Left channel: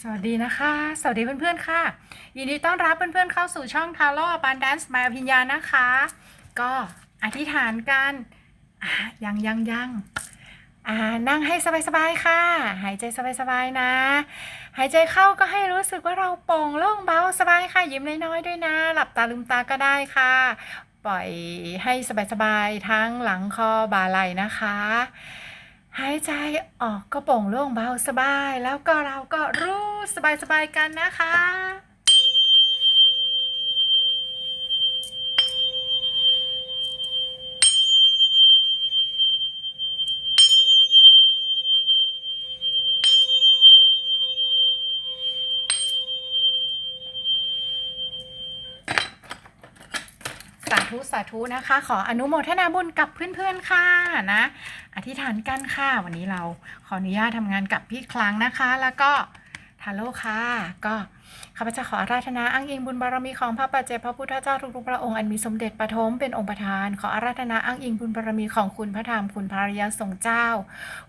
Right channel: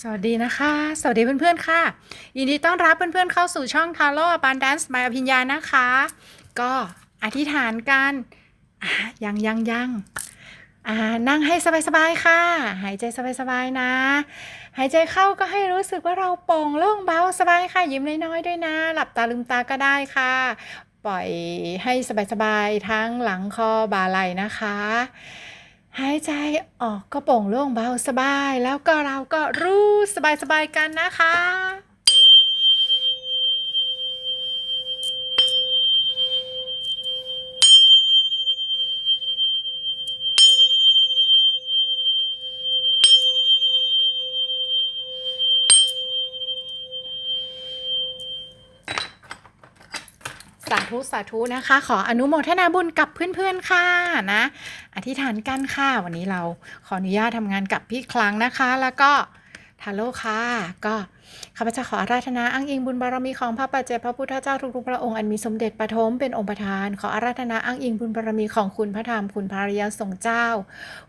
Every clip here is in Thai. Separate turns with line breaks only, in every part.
สวัสดีนะคะ สวัสดีเพื่อนๆค่ะ ยินดีต้อนรับเพื่อนๆเข้าสู่ช่อง t a r o Abundance มายอภิญญานะคะ ก็อธิษฐานกันยังยังยังอ่านั่งให้สบายๆค่ะ หายใจสบายๆนะ หายใจเข้าก็ให้รู้สึกว่าเราโปร่งโล่งเบาสบายค่ะ ยิ้มน้อยๆด้วยนะ หลับตาลืมตาก็ได้ค่ะ ปล่อยให้สบายๆทั้งหลังคอบ่าไหล่นะคะ หายใจออกก็โปร่งโล่งเบาสบาย แล้วก็เราก็รู้สบายสบายๆกันนะคะ สาธุสาธุนะคะ ขออนุโมทนาบุญกับเพื่อนๆค่ะนะ อธิษฐานกันค่ะ วันนี้เราขออนุญาตทำงานกับพี่คลังนะคะ แล้วก็ทาโร่ค่ะก็ข้าพเจ้าขออาราธนาอ้างอิงบุญบารมีของพระปัจเจกพระพุทธเจ้าทุกๆพระองค์อันมีสมเด็จปฐมเป็นองค์ประธาน ขออาราธนาอ้างอิงบุญบารมีของคุณพระธรรมคุณพระริยสงฆ์เจ้า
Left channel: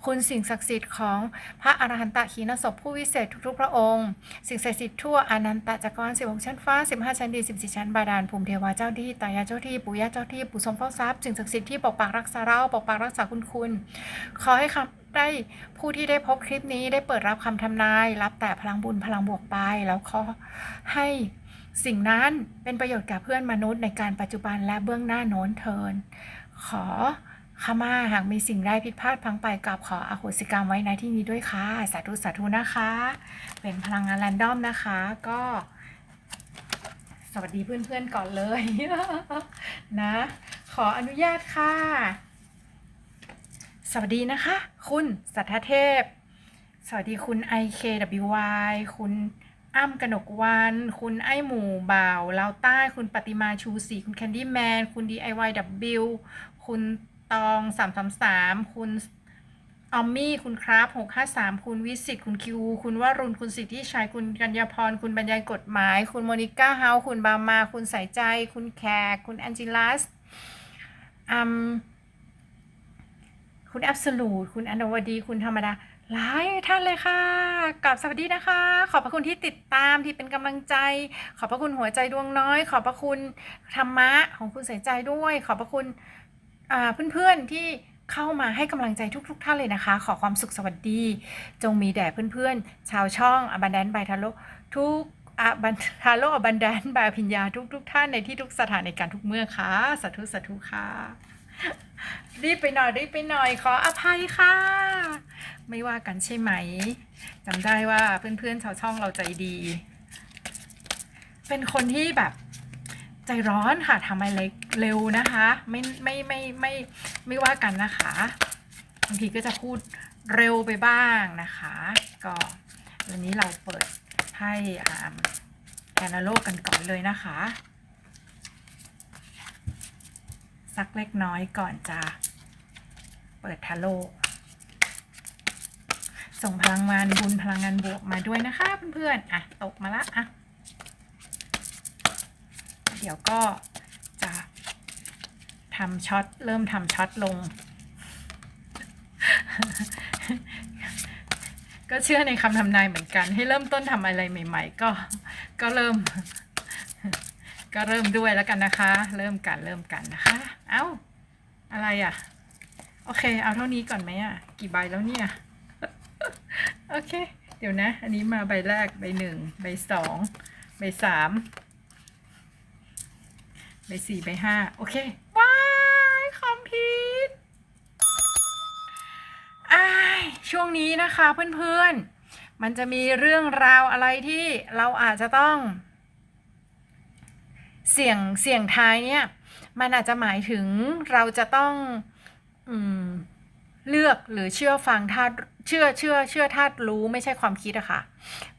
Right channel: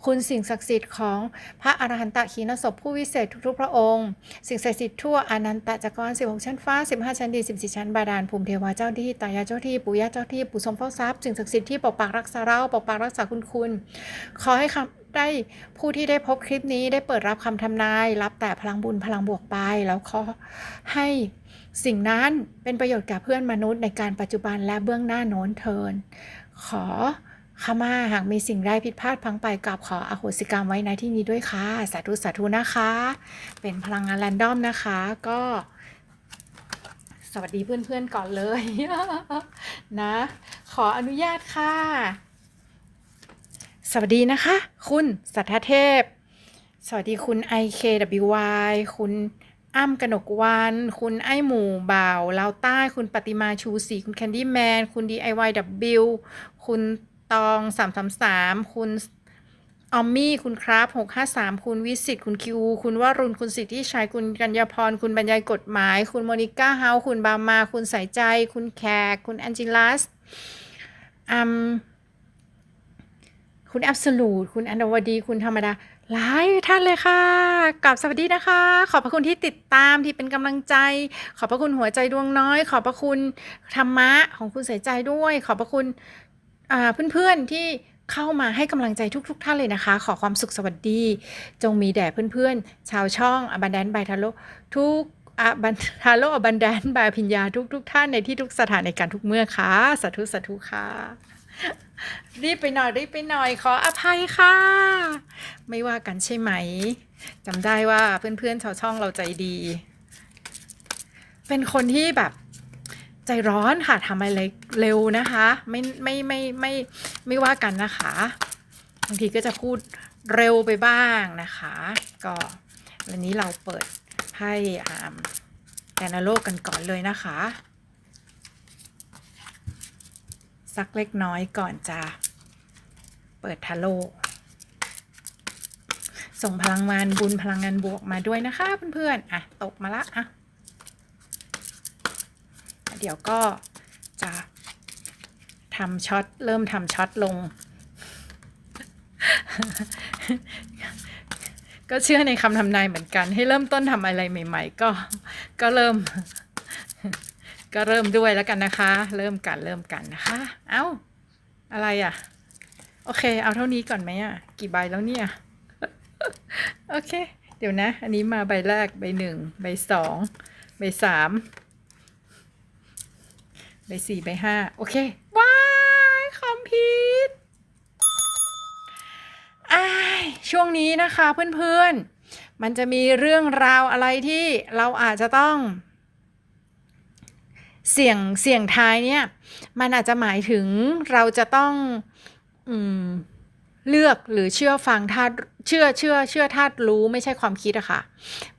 คุณสิ่งศักดิ์สิทธิ์ของพระอรหันตขีณศพผู้วิเศษทุกๆ พระองค์ สิ่งศักดิ์สิทธิ์ทั่วอนันตจักรวาล16 ชั้นฟ้า 15 ชั้นดิน14 ชั้นบาดาลภูมิเทวาเจ้าที่ตายาเจ้าที่ปู่ย่าเจ้าที่ปู่สมเฝ้าทรัพย์สิ่งศักดิ์สิทธิ์ที่ปกปักรักษาเราปกปักรักษาคุณคุณขอให้คำได้ผู้ที่ได้พบคลิปนี้ได้เปิดรับคำทำนาย รับแต่พลังบุญพลังบวกไป แล้วขอให้สิ่งนั้นเป็นประโยชน์แก่เพื่อนมนุษย์ในการปัจจุบันและเบื้องหน้าโน้นเทิน ขอขมาหากมีสิ่งใดผิดพลาดพังไปกับขออโหสิกรรมไว้ในที่นี้ด้วยค่ะ สาธุสาธุนะคะ เป็นพลังงานแรนดอมนะคะ ก็ สวัสดีเพื่อนๆก่อนเลยนะ ขออนุญาตค่ะ สวัสดีนะคะ คุณสัทธเทพ สวัสดีคุณ IKWY คุณ อ้ำกนกวัน คุณไอหมูบ่าวลาวใต้ คุณปฏิมาชูศรีคุณแคนดี้แมน คุณ DIYW คุณตอง333คุณออมมี่ คุณครับ653คุณวิสิต คุณคิว คุณวรุณ คุณสิทธิชัย คุณกัญญาพร คุณบรรยายกฎหมาย คุณโมนิก้าเฮา คุณบามา คุณสายใจ คุณแขก คุณแอนจิลัสอืมคุณแอบสูตคุณอนวดี คุณธรรมดา หลายท่านเลยค่ะกับสวัสดีนะคะ ขอบพระคุณที่ติดตามที่เป็นกำลังใจ ขอบพระคุณหัวใจดวงน้อย ขอบพระคุณธรรมะของคุณใส่ใจด้วย ขอบพระคุณเพื่อนๆที่เข้ามาให้กำลังใจทุก ๆ ท่านเลยนะคะ ขอความสุขสวัสดี จงมีแด่เพื่อนๆ ชาวช่องอบันแดนบายทาโลทุกอบันทาโลอบันแดนบายพิญญาทุกๆ ท่านในที่ทุกสถานในการทุกเมื่อค่ะสาธุสาธุค่ะ รีบไปหน่อยรีบไปหน่อยขออภัยค่ะ ไม่ว่ากันใช่ไหมจำได้ว่าเพื่อนๆชาวช่องเราใจดี เป็นคนที่แบบใจร้อนค่ะทำอะไรเร็วนะคะ ไม่ไม่ไม่ไม่ไม่ว่ากันนะคะบางทีก็จะพูดเร็วไปบ้างนะคะ ก็วันนี้เราเปิดให้อ่าแอนนาโลกกันก่อนเลยนะคะ สักเล็กน้อยก่อนจะเปิดทาโลส่งพลังงานบุญพลังงานบวกมาด้วยนะคะเพื่อนๆอะตกมาละอะเดี๋ยวก็จะทำช็อตเริ่มทำช็อตลง ก็เชื่อในคำทำนายเหมือนกัน ให้เริ่มต้นทำอะไรใหม่ ๆ ก็ก็เริ่ม ก็เริ่มด้วยแล้วกันนะคะ เริ่มกันเริ่มกันนะคะ เอ้า อะไรอะ โอเค เอาเท่านี้ก่อนไหมอะ กี่ใบแล้วเนี่ย โอเค เดี๋ยวนะ อันนี้มาใบแรก ใบหนึ่ง ใบสอง ใบสาม ใบสี่ ใบห้า โอเค ว้ายคอมพิวช่วงนี้นะคะเพื่อนๆ มันจะมีเรื่องราวอะไรที่เราอาจจะต้อง เสี่ยงเสี่ยงท้ายเนี่ยมันอาจจะหมายถึงเราจะต้องอืมเลือกหรือเชื่อฟังธาตุเชื่อเชื่อเชื่อธาตุรู้ไม่ใช่ความคิดอะค่ะ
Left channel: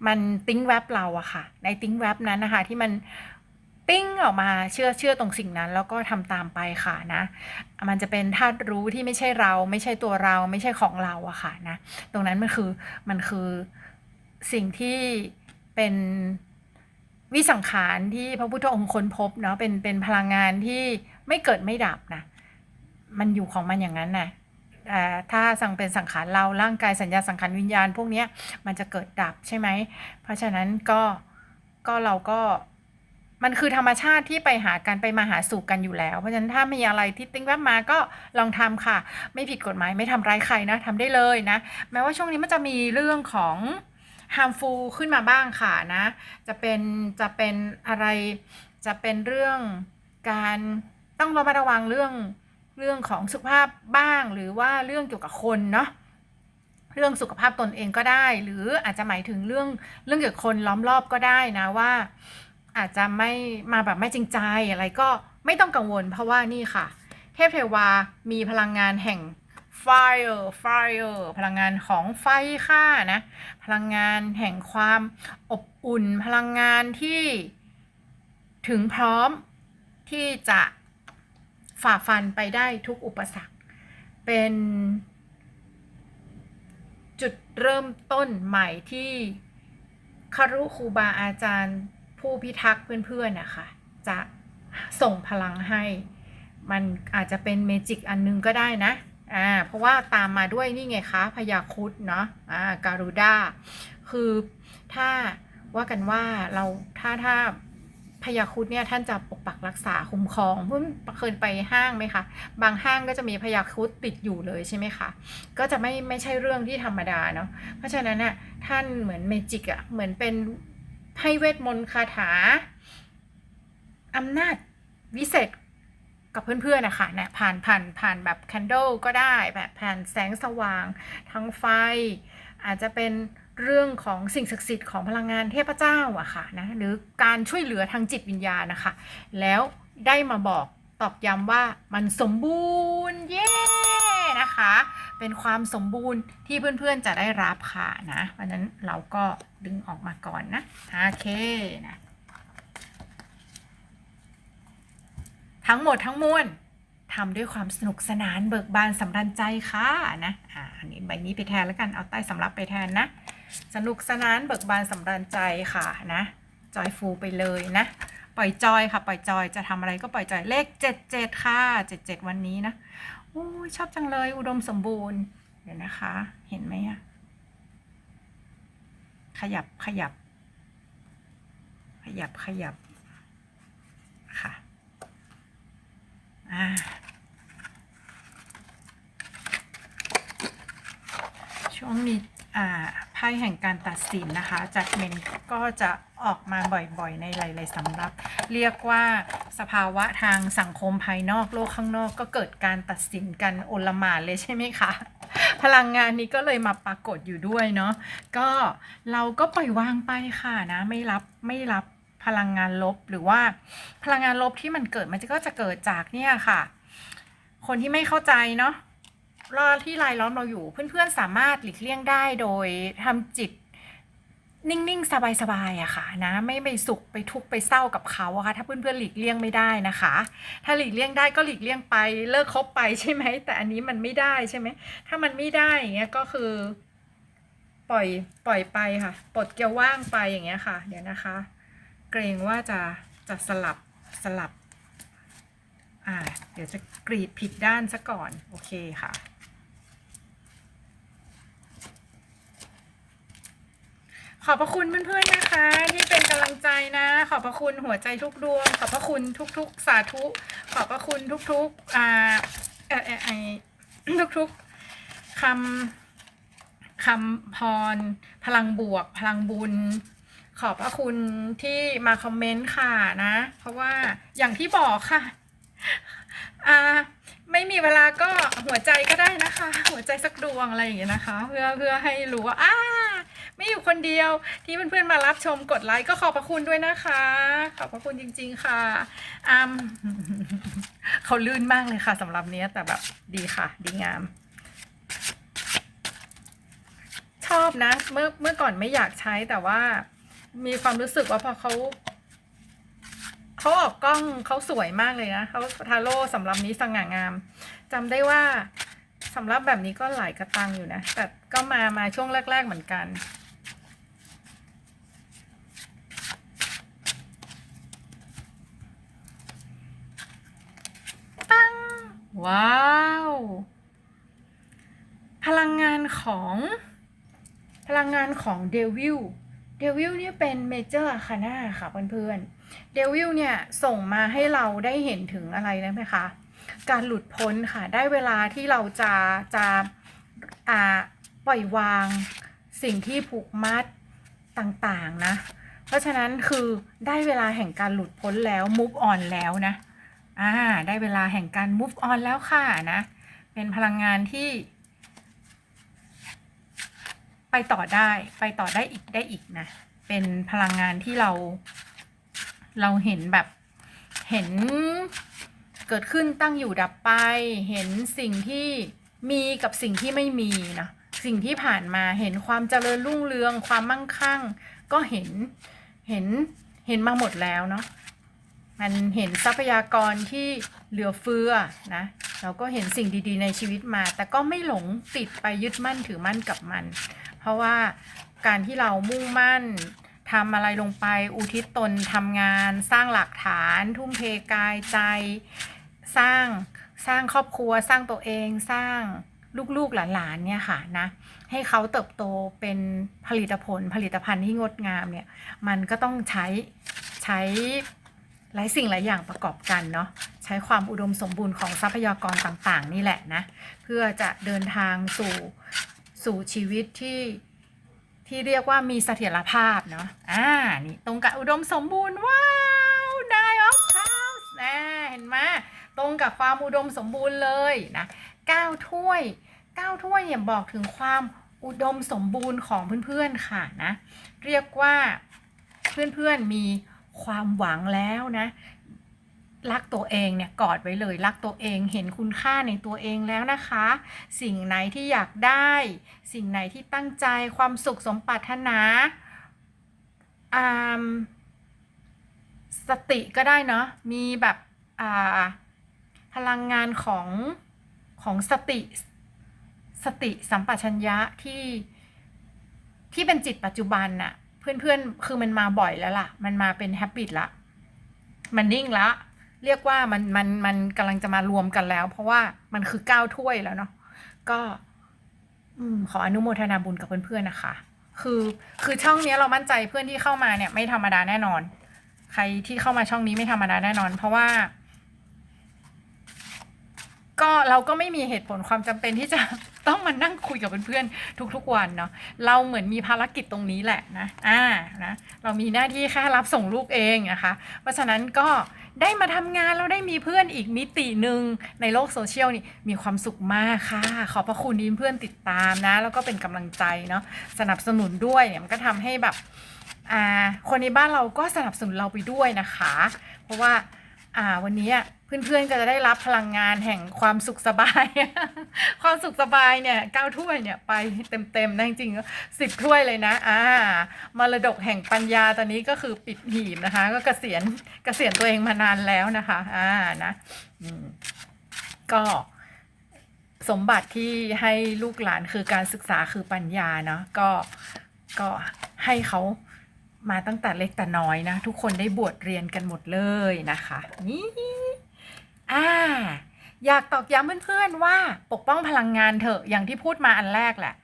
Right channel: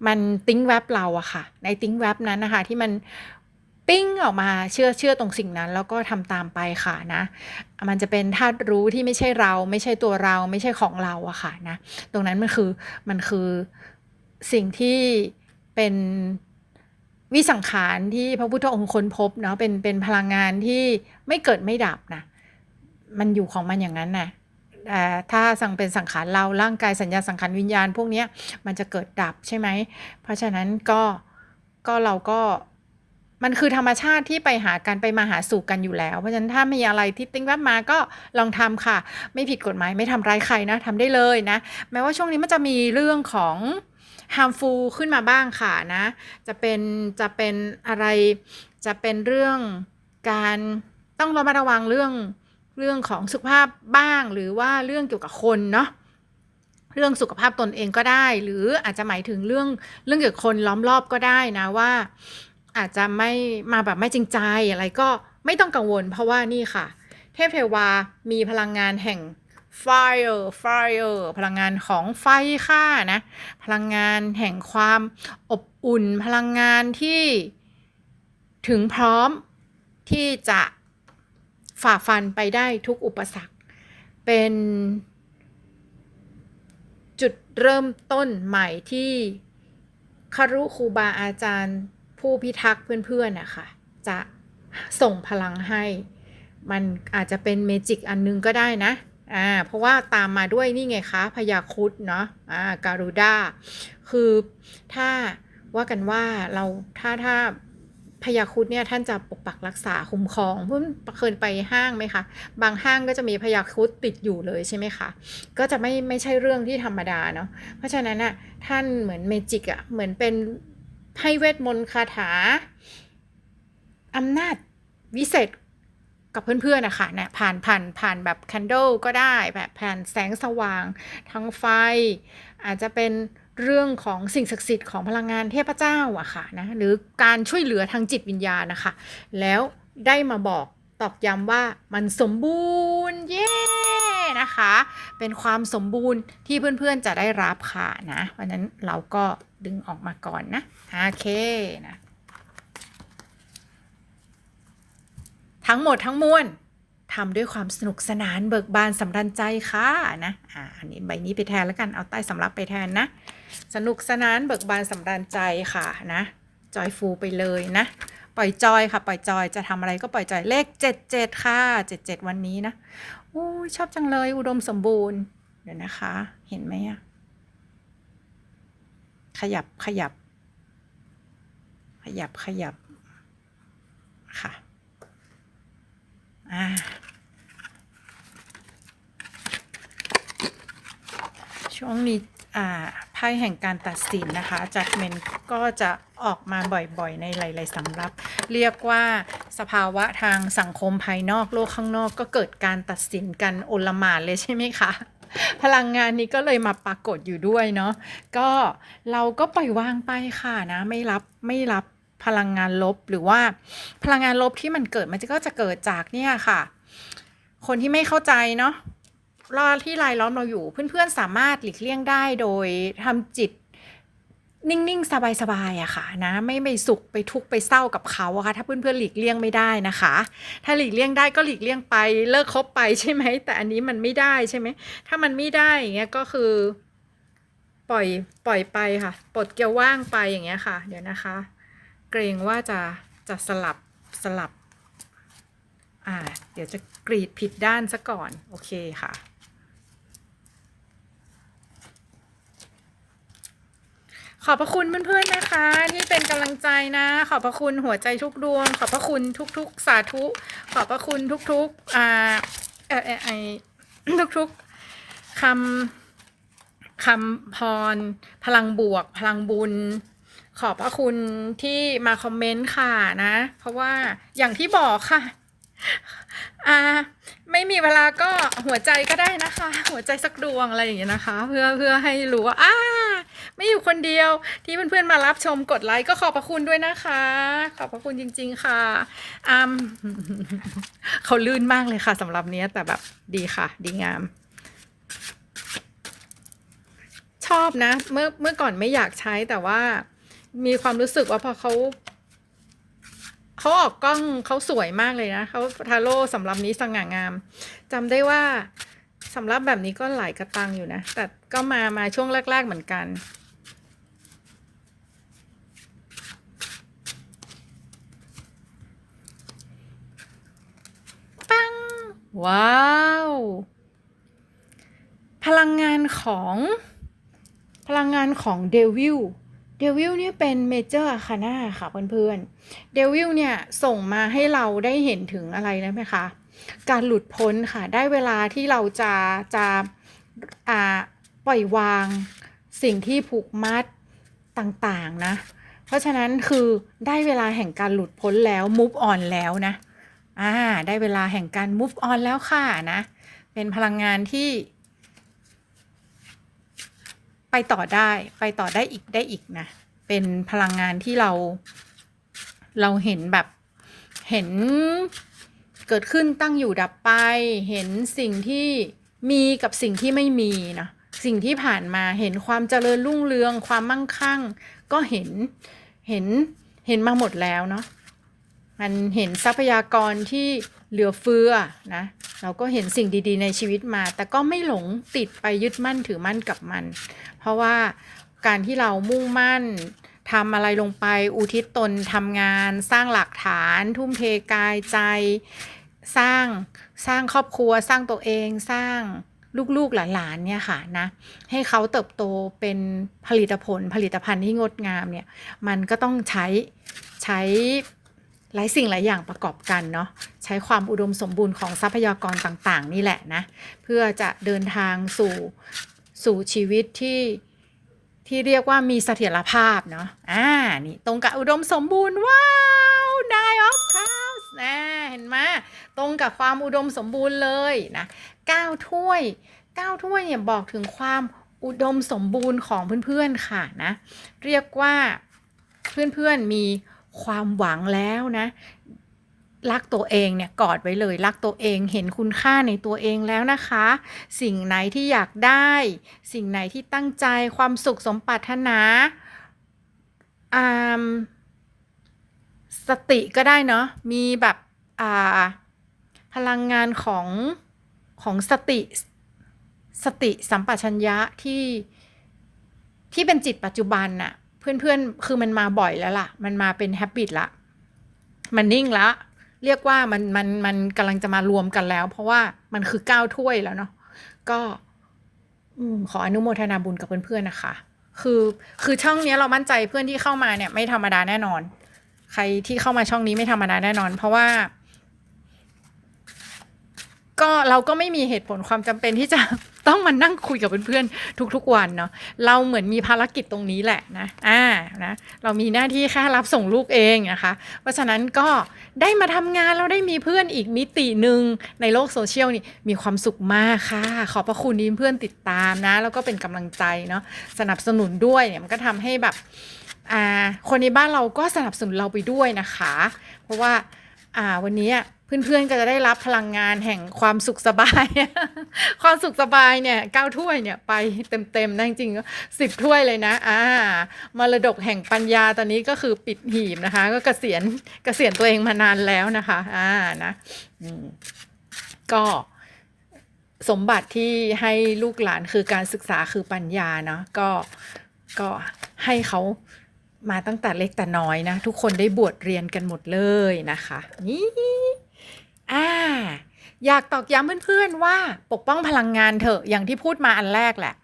มันติ้งแวบเราอะค่ะ ในติ้งแวบนั้นนะคะ ที่มันปิ้งออกมาเชื่อเชื่อตรงสิ่งนั้น แล้วก็ทำตามไปค่ะนะ มันจะเป็นธาตุรู้ที่ไม่ใช่เรา ไม่ใช่ตัวเรา ไม่ใช่ของเราอะค่ะนะ ตรงนั้นมันคือมันคือสิ่งที่เป็น วิสังขารที่พระพุทธองค์ค้นพบเนาะเป็นเป็นพลังงานที่ไม่เกิดไม่ดับนะมันอยู่ของมันอย่างนั้นนะแต่ถ้าสังเป็นสังขารเราร่างกายสัญญาสังขารวิญญาณ พวกนี้มันจะเกิดดับใช่ไหม เพราะฉะนั้นก็ก็เราก็มันคือธรรมชาติที่ไปหากันไปมาหาสู่กันอยู่แล้ว เพราะฉะนั้นถ้ามีอะไรที่ติ้งแวบมาก็ลองทำค่ะ ไม่ผิดกฎหมายไม่ทำร้ายใครนะทำได้เลยนะแม้ว่าช่วงนี้มันจะมีเรื่องของ harmful ขึ้นมาบ้างค่ะนะ จะเป็นจะเป็นอะไรจะเป็นเรื่องการต้องระมัดระวังเรื่องเรื่องของสุขภาพบ้าง หรือว่าเรื่องเกี่ยวกับคนเนาะเรื่องสุขภาพตนเองก็ได้ หรืออาจจะหมายถึงเรื่องเรื่องเกี่ยวกับคนล้อมรอบก็ได้นะว่า อาจจะไม่มาแบบไม่จริงใจอะไรก็ไม่ต้องกังวล เพราะว่านี่ค่ะ เทพเทวามีพลังงานแห่ง fire fire พลังงานของไฟค่ะนะ พลังงานแห่งความอบอุ่น พลังงานที่ถึงพร้อมที่จะฝ่าฟันไปได้ทุกอุปสรรค เป็นจุดเริ่มต้นใหม่ที่คารุครูบาอาจารย์ผู้พิทักษ์เพื่อนๆนะคะจะส่งพลังให้ มันอาจจะเป็นเมจิกอันนึงก็ได้นะ อ่าเพราะว่าตามมาด้วยนี่ไงคะพยาคุดเนาะอ่าการุด้าคือถ้าว่ากันว่าเราถ้าถ้าพยาคุดเนี่ยท่านจะปกปักรักษาคุ้มครองเพิ่งเคยไปห้างไหมคะ บางห้างก็จะมีพยาคุดติดอยู่เลยใช่ไหมคะก็จะไม่ไม่ใช่เรื่องที่ธรรมดาเนาะเพราะฉะนั้นน่ะท่านเหมือนเมจิกอะเหมือนเป็นให้เวทมนต์คาถาอำนาจวิเศษ กับเพื่อนๆนะคะเนี่ยผ่านผ่านผ่านแบบแคนเดลก็ได้แบบผ่านแสงสว่างทั้งไฟ อาจจะเป็นเรื่องของสิ่งศักดิ์สิทธิ์ของพลังงานเทพเจ้าอะค่ะนะหรือการช่วยเหลือทางจิตวิญญาณนะคะ แล้วได้มาบอกตอกย้ำว่ามันสมบูรณ์เย้นะคะ เป็นความสมบูรณ์ที่เพื่อนๆจะได้รับค่ะนะเพราะนั้นเราก็ดึงออกมาก่อนนะโอเคนะ ทั้งหมดทั้งมวลทำด้วยความสนุกสนานเบิกบานสำรันใจค่ะนะอ่าอันนี้ใบนี้ไปแทนแล้วกันเอาใต้สำรับไปแทนนะ สนุกสนานเบิกบานสำรันใจค่ะนะจอยฟูไปเลยนะ ปล่อยจอยค่ะ ปล่อยจอยจะทำอะไรก็ปล่อยจอยเลข 77 ค่ะ 77 วันนี้นะโอ้ชอบจังเลยอุดมสมบูรณ์เดี๋ยวนะคะ เห็นไหมอะขยับขยับ ขยับขยับค่ะ อ่า ช่วงนี้อ่าไพ่แห่งการตัดสินนะคะ จากเมนก็จะออกมาบ่อยๆ ในหลายๆสำรับ เรียกว่าสภาวะทางสังคมภายนอกโลกข้างนอกก็เกิดการตัดสินกันโอลมานเลยใช่ไหมคะ พลังงานนี้ก็เลยมาปรากฏอยู่ด้วยเนาะก็เราก็ปล่อยวางไปค่ะนะ ไม่รับไม่รับ พลังงานลบหรือว่าพลังงานลบที่มันเกิดมันก็จะเกิดจากเนี่ยค่ะ คนที่ไม่เข้าใจเนาะรอที่รายล้อมเราอยู่เพื่อนๆสามารถหลีกเลี่ยงได้โดยทำจิตนิ่งๆ สบายๆอะค่ะนะไม่ไปสุขไปทุกข์ไปเศร้ากับเขาอะค่ะถ้าเพื่อนๆหลีกเลี่ยงไม่ได้นะคะ ถ้าหลีกเลี่ยงได้ก็หลีกเลี่ยงไปเลิกคบไปใช่ไหมแต่อันนี้มันไม่ได้ใช่ไหมถ้ามันไม่ได้อย่างเงี้ยก็คือ ปล่อยปล่อยไปค่ะ ปลดเกลียวว่างไปอย่างเงี้ยค่ะ เดี๋ยวนะคะ กรงว่าจะจะสลับสลับ อ่า เดี๋ยวจะกรีดผิดด้านซะก่อน โอเคค่ะ ขอบพระคุณเพื่อนๆนะคะ ที่เป็นกำลังใจนะ ขอบพระคุณหัวใจทุกดวง ขอบพระคุณทุกๆ สาธุ ขอบพระคุณทุกๆ อ่าเออเออไอทุกๆคำคำพร พลังบวก พลังบุญ ขอบพระคุณที่มาคอมเมนต์ค่ะนะ เพราะว่าอย่างที่บอกค่ะ อ่า ไม่มีเวลาก็หัวใจก็ได้นะคะ หัวใจสักดวงอะไรอย่างเงี้ยนะคะ เพื่อเพื่อให้รู้ว่าอ่าไม่อยู่คนเดียวที่เพื่อนๆมารับชมกดไลค์ก็ขอบพระคุณด้วยนะคะ ขอบพระคุณจริง ๆ ค่ะอืมเขาลื่นมากเลยค่ะสำหรับเนี้ยแต่แบบดีค่ะ ดีงาม ชอบนะ เมื่อเมื่อก่อนไม่อยากใช้แต่ว่า มีความรู้สึกว่าพอเขาเขาออกกล้องเขาสวยมากเลยนะเขาทาโร่สำหรับนี้สง่างามจำได้ว่าสำหรับแบบนี้ก็หลายกระตังอยู่นะ แต่ก็มามาช่วงแรก ๆ เหมือนกันปังว้าว พลังงานของพลังงานของเดวิล เดวิลเนี่ยเป็นเมเจอร์คาน่าค่ะเพื่อนๆเดวิลเนี่ยส่งมาให้เราได้เห็นถึงอะไรนะไหมคะการหลุดพ้นค่ะได้เวลาที่เราจะจะอ่าปล่อยวางสิ่งที่ผูกมัดต่างๆนะ เพราะฉะนั้นคือได้เวลาแห่งการหลุดพ้นแล้ว move on แล้วนะอ่าได้เวลาแห่งการ move on แล้วค่ะนะ เป็นพลังงานที่ ไปต่อได้ไปต่อได้อีกได้อีกนะ เป็นพลังงานที่เรา เราเห็นแบบเห็นเกิดขึ้นตั้งอยู่ดับไป เห็นสิ่งที่มีกับสิ่งที่ไม่มีนะสิ่งที่ผ่านมาเห็นความเจริญรุ่งเรือง ความมั่งคั่ง ก็เห็นเห็นเห็นมาหมดแล้วเนาะมันเห็นทรัพยากรที่ เหลือเฟือนะเราก็เห็นสิ่งดีๆ ในชีวิตมา แต่ก็ไม่หลงติดไปยึดมั่นถือมั่นกับมัน เพราะว่าการที่เรามุ่งมั่นทำอะไรลงไปอุทิศตนทำงาน สร้างหลักฐาน ทุ่มเทกายใจ สร้างสร้างครอบครัว สร้างตัวเองสร้างลูกๆหลานๆเนี่ยค่ะนะให้เขาเติบโตเป็นผลิตผลผลิตภัณฑ์ที่งดงามเนี่ยมันก็ต้องใช้ใช้ หลายสิ่งหลายอย่างประกอบกันเนาะใช้ความอุดมสมบูรณ์ของทรัพยากรต่างๆ นี่แหละนะ เพื่อจะเดินทางสู่สู่ชีวิตที่ที่เรียกว่ามีเสถียรภาพเนาะอ่านี่ตรงกับอุดมสมบูรณ์ว้าวได้ออฟคาส์นะเห็นไหมตรงกับความอุดมสมบูรณ์เลยนะก้าถ้วยก้าถ้วยเนี่ยบอกถึงความอุดมสมบูรณ์ของเพื่อนๆค่ะนะเรียกว่าเพื่อนๆมี ความหวังแล้วนะรักตัวเองเนี่ยกอดไว้เลย รักตัวเองเห็นคุณค่าในตัวเองแล้วนะคะ สิ่งไหนที่อยากได้ สิ่งไหนที่ตั้งใจความสุขสมปรารถนาอ่าสติก็ได้เนาะมีแบบอ่าพลังงานของของสติสติสัมปชัญญะที่ที่เป็นจิตปัจจุบันน่ะ เพื่อนๆ คือมันมาบ่อยแล้วล่ะ มันมาเป็นแฮบิตละ มันนิ่งละ เรียกว่ามันมันมันกำลังจะมารวมกันแล้ว เพราะว่ามันคือเก้าถ้วยแล้วเนาะ ก็อขออนุโมทนาบุญกับเพื่อนๆนะคะ คือคือช่องนี้เรามั่นใจเพื่อนที่เข้ามาเนี่ยไม่ธรรมดาแน่นอน ใครที่เข้ามาช่องนี้ไม่ธรรมดาแน่นอน เพราะว่า ก็เราก็ไม่มีเหตุผลความจำเป็นที่จะต้องมานั่งคุยกับเพื่อนๆทุกๆวันเนาะเราเหมือนมีภารกิจตรงนี้แหละนะอ่านะเรามีหน้าที่แค่รับส่งลูกเองนะคะ เพราะฉะนั้นก็ได้มาทำงานแล้วได้มีเพื่อนอีกมิติหนึ่งในโลกโซเชียลนี่มีความสุขมากค่ะ ขอบพระคุณที่เพื่อนติดตามนะ แล้วก็เป็นกำลังใจเนาะสนับสนุนด้วยเนี่ยมันก็ทำให้แบบอ่าคนในบ้านเราก็สนับสนุนเราไปด้วยนะคะ เพราะว่า อ่าวันนี้เพื่อนๆก็จะได้รับพลังงานแห่งความสุขสบาย ความสุขสบายเนี่ยเก้าถ้วยเนี่ยไปเต็มๆนะจริงๆสิบถ้วยเลยนะอ่ามรดกแห่งปัญญาตอนนี้ก็คือปิดหีบนะคะ ก็เกษียณเกษียณตัวเองมานานแล้วนะคะอ่านะอืมก็สมบัติที่ให้ลูกหลานคือการศึกษาคือปัญญาเนาะก็ก็ให้เขา มาตั้งแต่เล็กแต่น้อยนะ ทุกคนได้บวชเรียนกันหมดเลยนะคะนี่อ่าอยากตอกย้ำเพื่อนๆว่าปกป้องพลังงานเถอะอย่างที่พูดมาอันแรกแหละ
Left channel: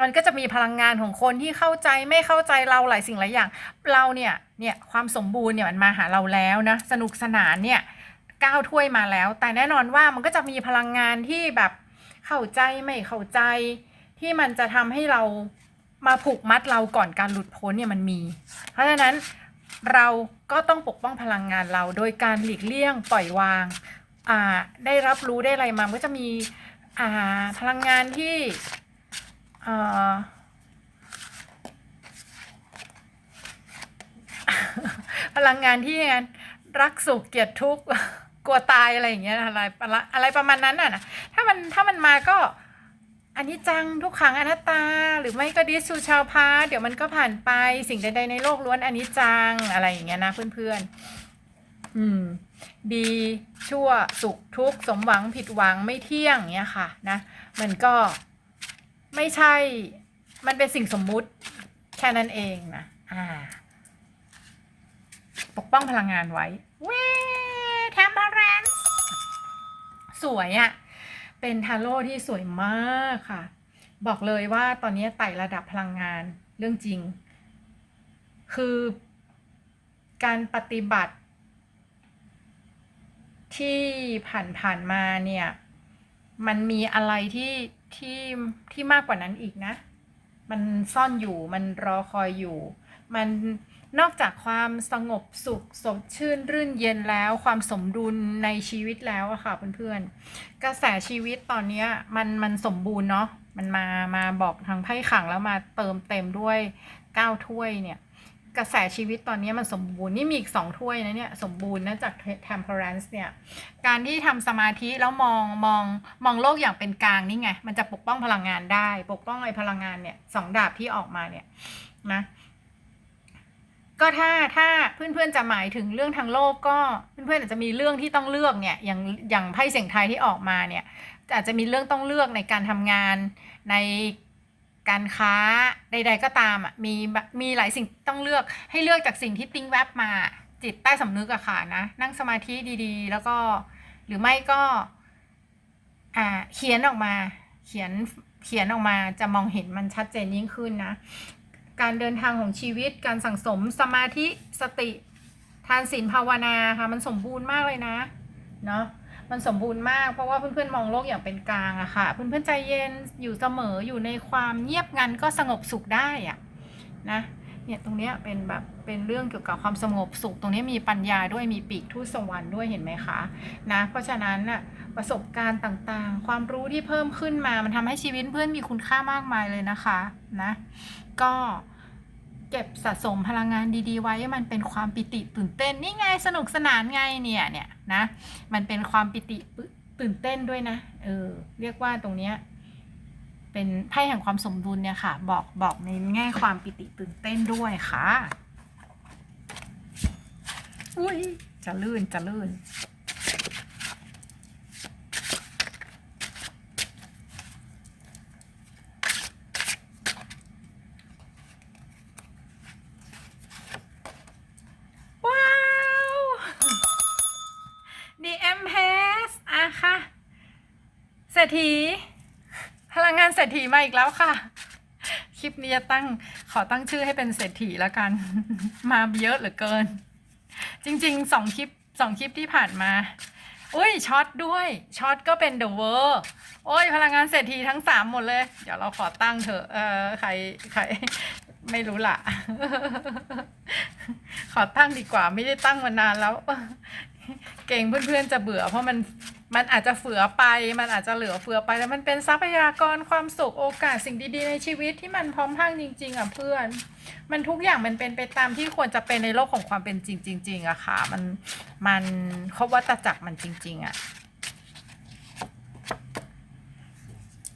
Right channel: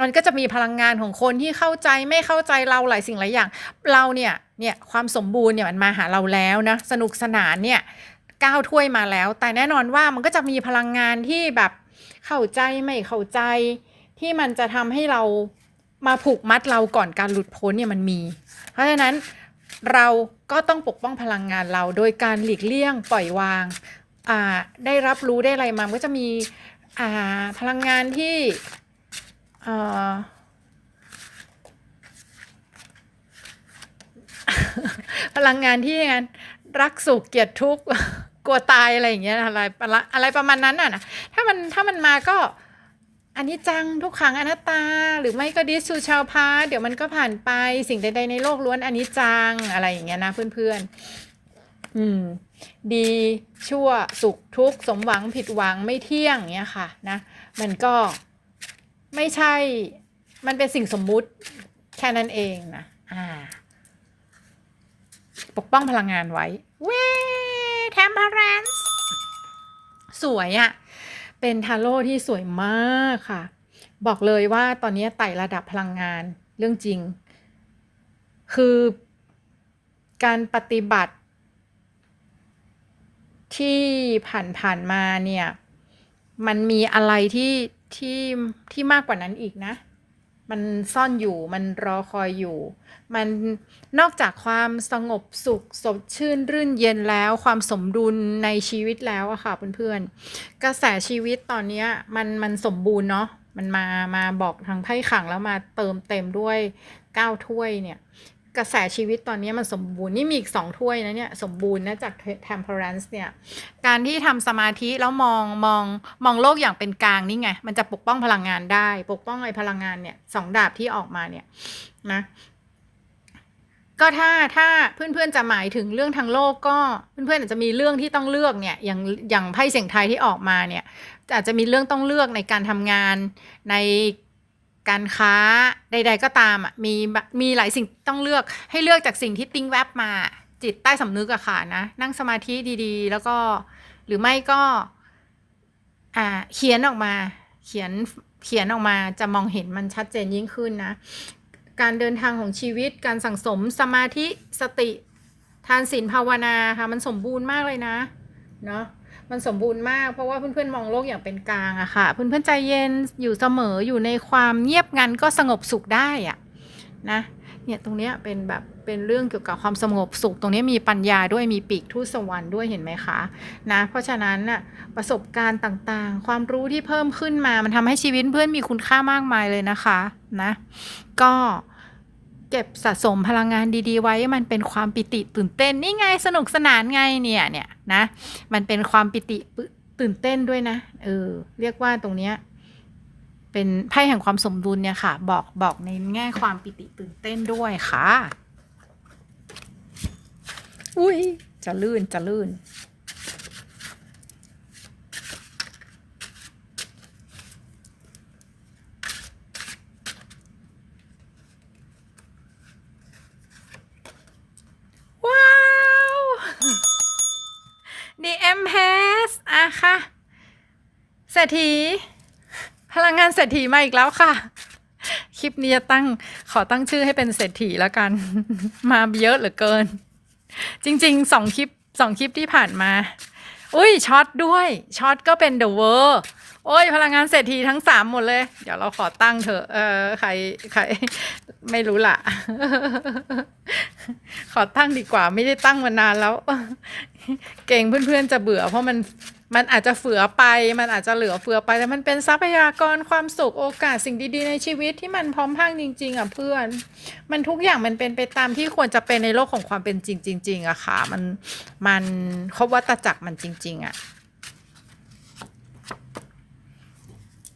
มันก็จะมีพลังงานของคนที่เข้าใจไม่เข้าใจเราหลายสิ่งหลายอย่าง เราเนี่ยเนี่ยความสมบูรณ์เนี่ยมันมาหาเราแล้วนะสนุกสนานเนี่ยก้าวถ้วยมาแล้ว แต่แน่นอนว่ามันก็จะมีพลังงานที่แบบเข้าใจไม่เข้าใจที่มันจะทำให้เรา มาผูกมัดเราก่อนการหลุดพ้นเนี่ยมันมี เพราะฉะนั้นเราก็ต้องปกป้องพลังงานเรา โดยการหลีกเลี่ยงปล่อยวางาได้รับรู้ได้อะไรมามันก็จะมีพลังงานที่พลังงานที่งานรักสุขเกลียดทุกข์กลัวตายอะไรอย่างเงี้ยอะไรอะไรอะไรประมาณนั้นน่ะนะถ้ามันถ้ามันมาก็ อันนี้จังทุกขังอนัตตา หรือไม่ก็ดิสูชาวพาเดี๋ยวมันก็ผ่านไปสิ่งใดๆในโลกล้วนอันนี้จังอะไรอย่างเงี้ยนะเพื่อนๆ อืม ดีชั่วสุขทุกข์สมหวังผิดหวังไม่เที่ยงเนี้ยค่ะนะ มันก็ไม่ใช่ มันเป็นสิ่งสมมุติแค่นั้นเองนะอ่าปกป้องพลังงานไว้เว้แทมเพรนซ์สวยอะ่ะ เป็นทาโร่ที่สวยมากค่ะ บอกเลยว่าตอนนี้ไต่ระดับพลังงานเรื่องจริง คือการปฏิบัติ ที่ผ่านๆมาเนี่ย มันมีอะไรที่ที่ที่มากกว่านั้นอีกนะ มันซ่อนอยู่มันรอคอยอยู่ มันนอกจากความสงบสุขสดชื่นรื่นเย็นแล้ว ความสมดุลในชีวิตแล้วอะค่ะเพื่อนๆกระแสชีวิตตอนเนี้ยมันมันสมบูรณ์เนาะมันมามาบอกทางไพ่ขังแล้วมาเติมเต็มด้วยเก้าถ้วยเนี่ยกระแสชีวิตตอนนี้มันสมบูรณ์นี่มีอีกสองถ้วยนะเนี่ยสมบูรณ์นะจาก temperance เนี่ยการที่ทำสมาธิแล้วมองมองมองโลกอย่างเป็นกลางนี่ไง มันจะปกป้องพลังงานได้ ปกป้องไอ้พลังงานเนี่ยสองดาบที่ออกมาเนี่ยนะ ก็ถ้าถ้าเพื่อนๆจะหมายถึงเรื่องทางโลกก็เพื่อนๆอาจจะมีเรื่องที่ต้องเลือกเนี่ยอย่างอย่างไพ่เสียงไทยที่ออกมาเนี่ยอาจจะมีเรื่องต้องเลือกในการทำงานในการค้าใด ๆ ก็ตามอะมีมีหลายสิ่งต้องเลือกให้เลือกจากสิ่งที่ติ้งแวบมาจิตใต้สำนึกอะค่ะนะนั่งสมาธิดีๆ แล้วก็หรือไม่ก็อ่าเขียนออกมาเขียนเขียนออกมาจะมองเห็นมันชัดเจนยิ่งขึ้นนะ การเดินทางของชีวิต การสั่งสมสมาธิสติ ทานศีลภาวนาค่ะมันสมบูรณ์มากเลยนะเนาะมันสมบูรณ์มากเพราะว่าเพื่อนๆมองโลกอย่างเป็นกลางอะค่ะ เพื่อนๆใจเย็นอยู่เสมออยู่ในความเงียบงันก็สงบสุขได้อะนะเนี่ยตรงเนี้ยเป็นแบบเป็นเรื่องเกี่ยวกับความสงบสุข ตรงนี้มีปัญญาด้วยมีปีกทูตสวรรค์ด้วยเห็นไหมคะนะเพราะฉะนั้นน่ะประสบการณ์ต่างๆ ความรู้ที่เพิ่มขึ้นมามันทำให้ชีวิตเพื่อนมีคุณค่ามากมายเลยนะคะนะ ก็เก็บสะสมพลังงานดีๆ ไว้มันเป็นความปิติตื่นเต้นนี่ไงสนุกสนานไงเนี่ยเนี่ยนะมันเป็นความปิติตื่นเต้นด้วยนะเออเรียกว่าตรงเนี้ยเป็นไพ่แห่งความสมดุลเนี่ยค่ะ บอกบอกในแง่ความปิติตื่นเต้นด้วยค่ะ อุ้ยจะลื่นจะลื่น ว้าว The M p a s อะค่ะเศร ษฐีพลังงานเศรษฐีมาอีกแล้วค่ะ คลิปนี้จะตั้งขอตั้งชื่อให้เป็นเศรษฐีแล้วกัน มาเยอะเหลือเกิน จริงๆสองคลิปสองคลิปที่ผ่านมา อุ้ยช็อตด้วยช็อตก็เป็นเดอะเวอร์โอ้ยพลังงานเศรษฐีทั้งสามหมดเลย เดี๋ยวเราขอตั้งเถอะเออใครใคร ไม่รู้ละขอตั้งดีกว่า ไม่ได้ตั้งมานานแล้ว เก่งเพื่อนๆจะเบื่อ เพราะมันมันอาจจะเฟือไป มันอาจจะเหลือเฟือไปแต่มันเป็นทรัพยากรความสุขโอกาสสิ่งดีๆในชีวิตที่มันพร้อมพังจริง ๆอะเพื่อน มันทุกอย่างมันเป็นไปตามที่ควรจะเป็นในโลกของความเป็นจริงจริงๆอะค่ะ มันมันครบวัตจักรมันจริง ๆอะ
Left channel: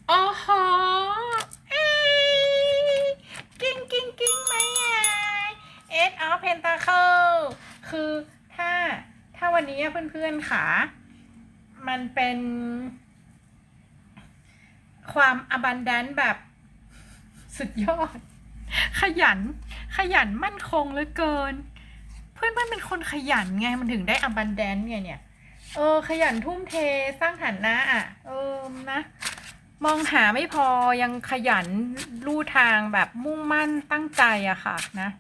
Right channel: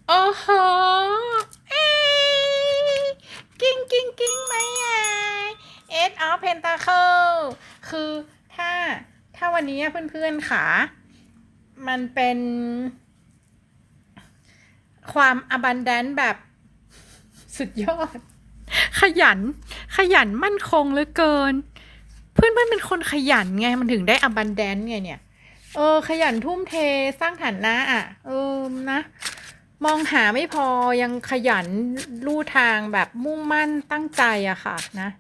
โอ้โห นตาเคิลคือถ้าถ้าวันนี้เพื่อนๆค่ะมันเป็นความ abundant แบบสุดยอด ขยัน ขยันมั่นคงเหลือเกิน เพื่อนเพื่อนเป็นคนขยันไงมันถึงได้ abundant ไงเนี่ย เออ ขยันทุ่มเทสร้างฐานะอะเออนะ มองหาไม่พอยังขยันลู่ทางแบบมุ่งมั่นตั้งใจอะค่ะนะ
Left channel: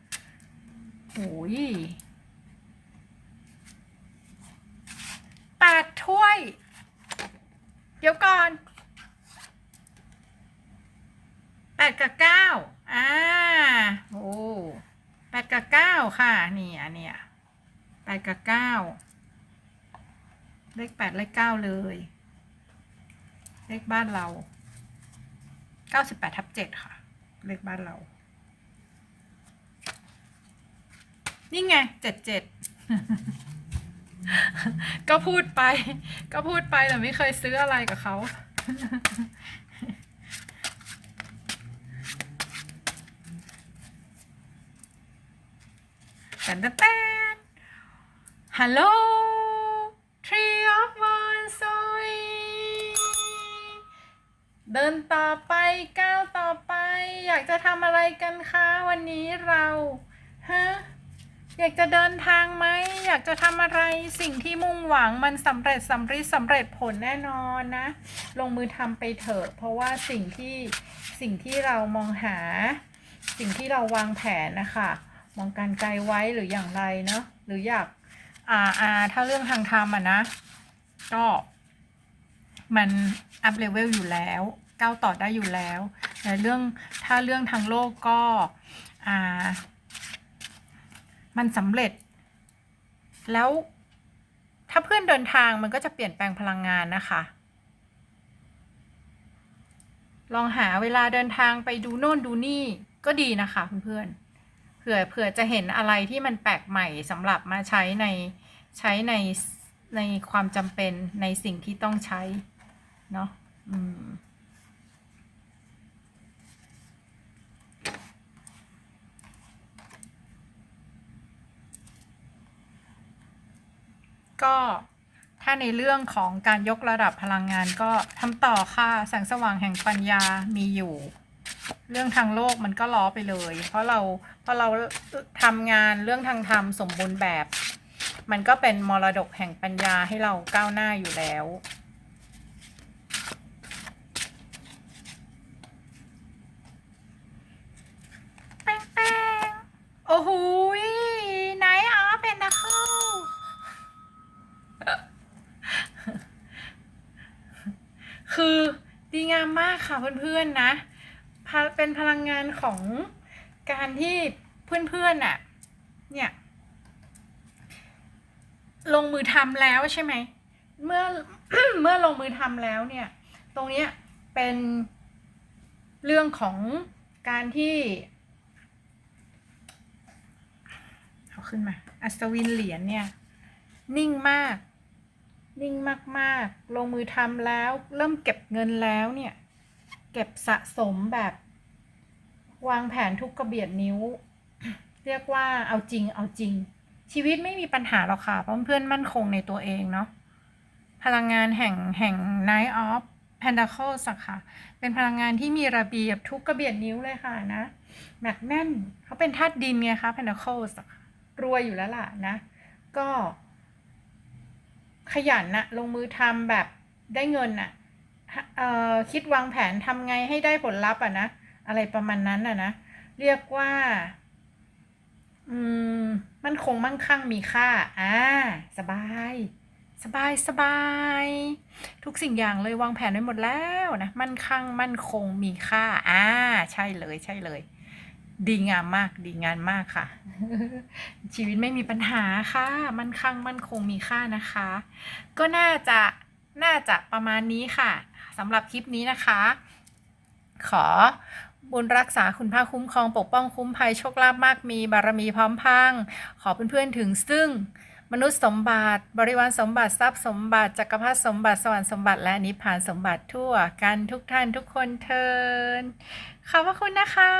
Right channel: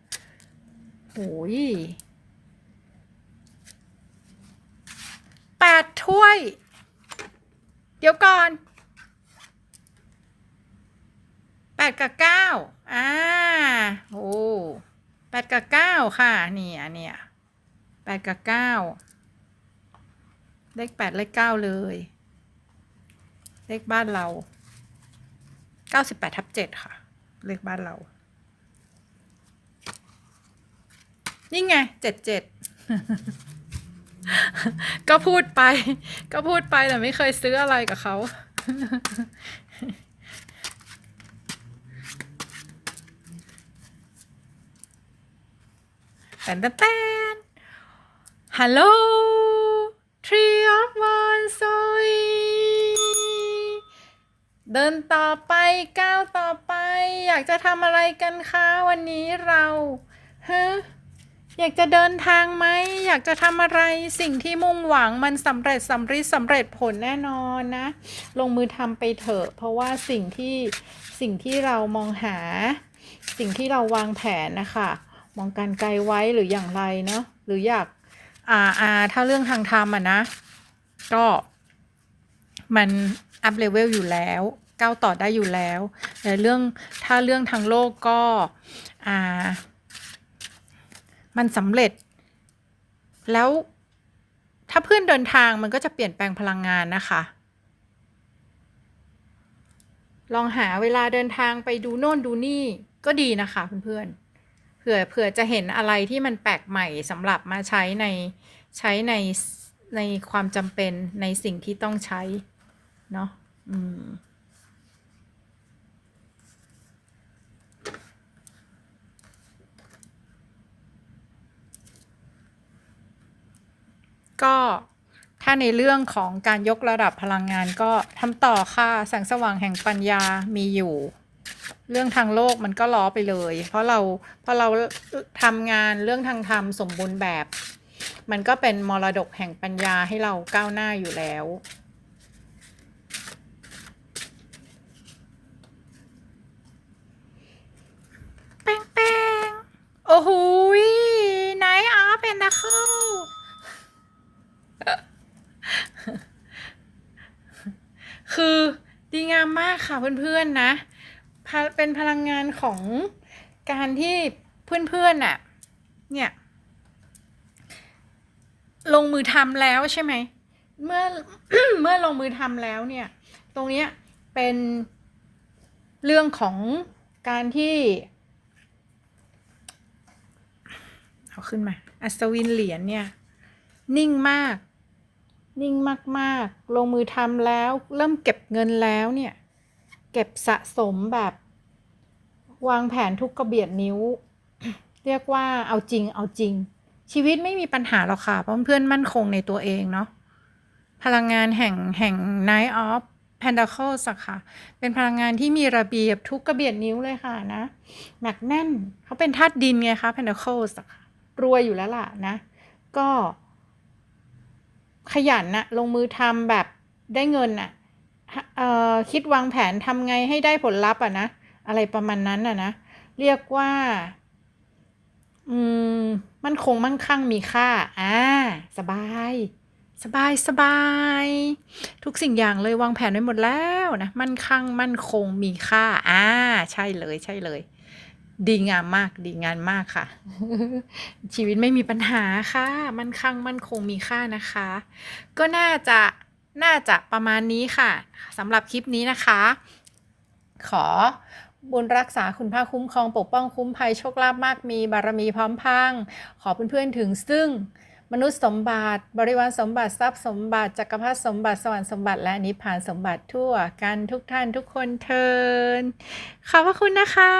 โอ้ยแปดถ้วย เดี๋ยวก่อนแปดกับเก้าอ่าโอ้แปดกับเก้าค่ะเนี่ยเนี่ยแปดกับเก้าเลขแปดเลขเก้าเลย เลขบ้านเราเก้าสิบแปดทับเจ็ดค่ะ เลขบ้านเรา นี่ไงเจ็ดเจ็ดก็พูดไป ก็พูดไปแต่ไม่เคยซื้ออะไรกับเขาแตนแตนแตนฮัลโหล Tree of One s o เดินต่อไปก้าวต่อไป อยากจะทำอะไรกันคะ วันนี้เราฮะ อยากจะเดินทางไหมอยากจะทำอะไรสิ่งที่มุ่งหวังมันสำเร็จสำร็จสำเร็จผลแน่นอนนะ ลงมือทำไปเถอะ เพราะว่าสิ่งที่สิ่งที่เรามองหา สิ่งที่เราวางแผนนะคะมองการไกลไว้หรืออย่างไรเนาะหรืออยากอ่าอ่าถ้าเรื่องทางธรรมอะนะ ก็มันอัพเลเวลอยู่แล้วก้าวต่อได้อยู่แล้วแต่เรื่องถ้าเรื่องทางโลกก็อ่า มันสำเร็จ แล้วถ้าเพื่อนเดินทางมันก็จะเปลี่ยนแปลงพลังงานนะคะ ลองหาเวลาเดินทางไปดูโน่นดูนี่ก็ดีนะคะเพื่อนๆเผื่อเผื่อจะเห็นอะไรที่มันแปลกใหม่สำหรับมาใช้ในใช้ในในความจำเป็นในสิ่งที่ต้องใช้ เนาะอืม ก็ถ้าในเรื่องของการยกระดับพลังงานก็ทำต่อค่ะ แสงสว่างแห่งปัญญามีอยู่ เรื่องทางโลกมันก็ล้อไปเลย เพราะเราเพราะเราทำงานเรื่องทางธรรมสมบูรณ์แบบ มันก็เป็นมรดกแห่งปัญญาให้เราก้าวหน้าอยู่แล้ว แป้งแป้งโอ้โหยไหนอ๋อเป็นนะคือ คือดีงามมากค่ะ เพื่อนๆนะ เป็นพลังงานของการที่เพื่อนๆน่ะ เนี่ย ลงมือทำแล้วใช่ไหม เมื่อเมื่อลงมือทำแล้วเนี่ย ตรงนี้เป็นเรื่องของการที่เอาขึ้นมา อัศวินเหรียญเนี่ย นิ่งมาก นิ่งมาก ๆ ลงมือทำแล้ว เริ่มเก็บเงินแล้วเนี่ย เก็บสะสมแบบ วางแผนทุกกระเบียดนิ้ว เรียกว่าเอาจริงเอาจริง ชีวิตไม่มีปัญหาหรอกค่ะ เพราะเพื่อนมั่นคงในตัวเองเนาะพลังงานแห่งแห่ง Night of Pentacles ค่ะ เป็นพลังงานที่มีระเบียบทุกกระเบียดนิ้วเลยค่ะนะ หนักแน่นเขาเป็นธาตุดินไงคะ Pentacles รวยอยู่แล้วล่ะนะ ก็ ขยันนะลงมือทำแบบได้เงินนะ คิดวางแผนทำไงให้ได้ผลลัพธ์อะนะ อะไรประมาณนั้นอะนะ เรียกว่า อืม มันคงมั่งคั่งมีค่า อ่า สบาย สบายสบาย ทุกสิ่งอย่างเลยวางแผนไว้หมดแล้วนะ มั่นคั่ง มั่นคงมีค่า อ่า ใช่เลย ใช่เลย ดีงามมาก ดีงานมากค่ะ ชีวิตไม่มีปัญหาค่ะ มั่นคั่ง มั่นคงมีค่านะคะ ก็น่าจะ น่าจะประมาณนี้ค่ะ สำหรับคลิปนี้นะคะ ขอบุญรักษาคุณพระคุ้มครองปกป้องคุ้มภัยโชคลาภมากมีบารมีพร้อมพังขอเพื่อนๆถึงซึ่งมนุษย์สมบัติ บริวารสมบัติทรัพย์สมบัติจักรพรรดิสมบัติสวรรค์สมบัติและนิพพานสมบัติทั่วกันทุกท่านทุกคนเทินขอบพระคุณนะคะ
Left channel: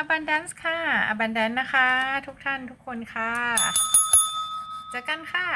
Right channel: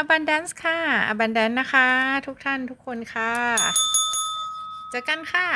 abundance ค่ะ abundance นะคะ ทุกท่านทุกคนค่ะ เจอกันค่ะ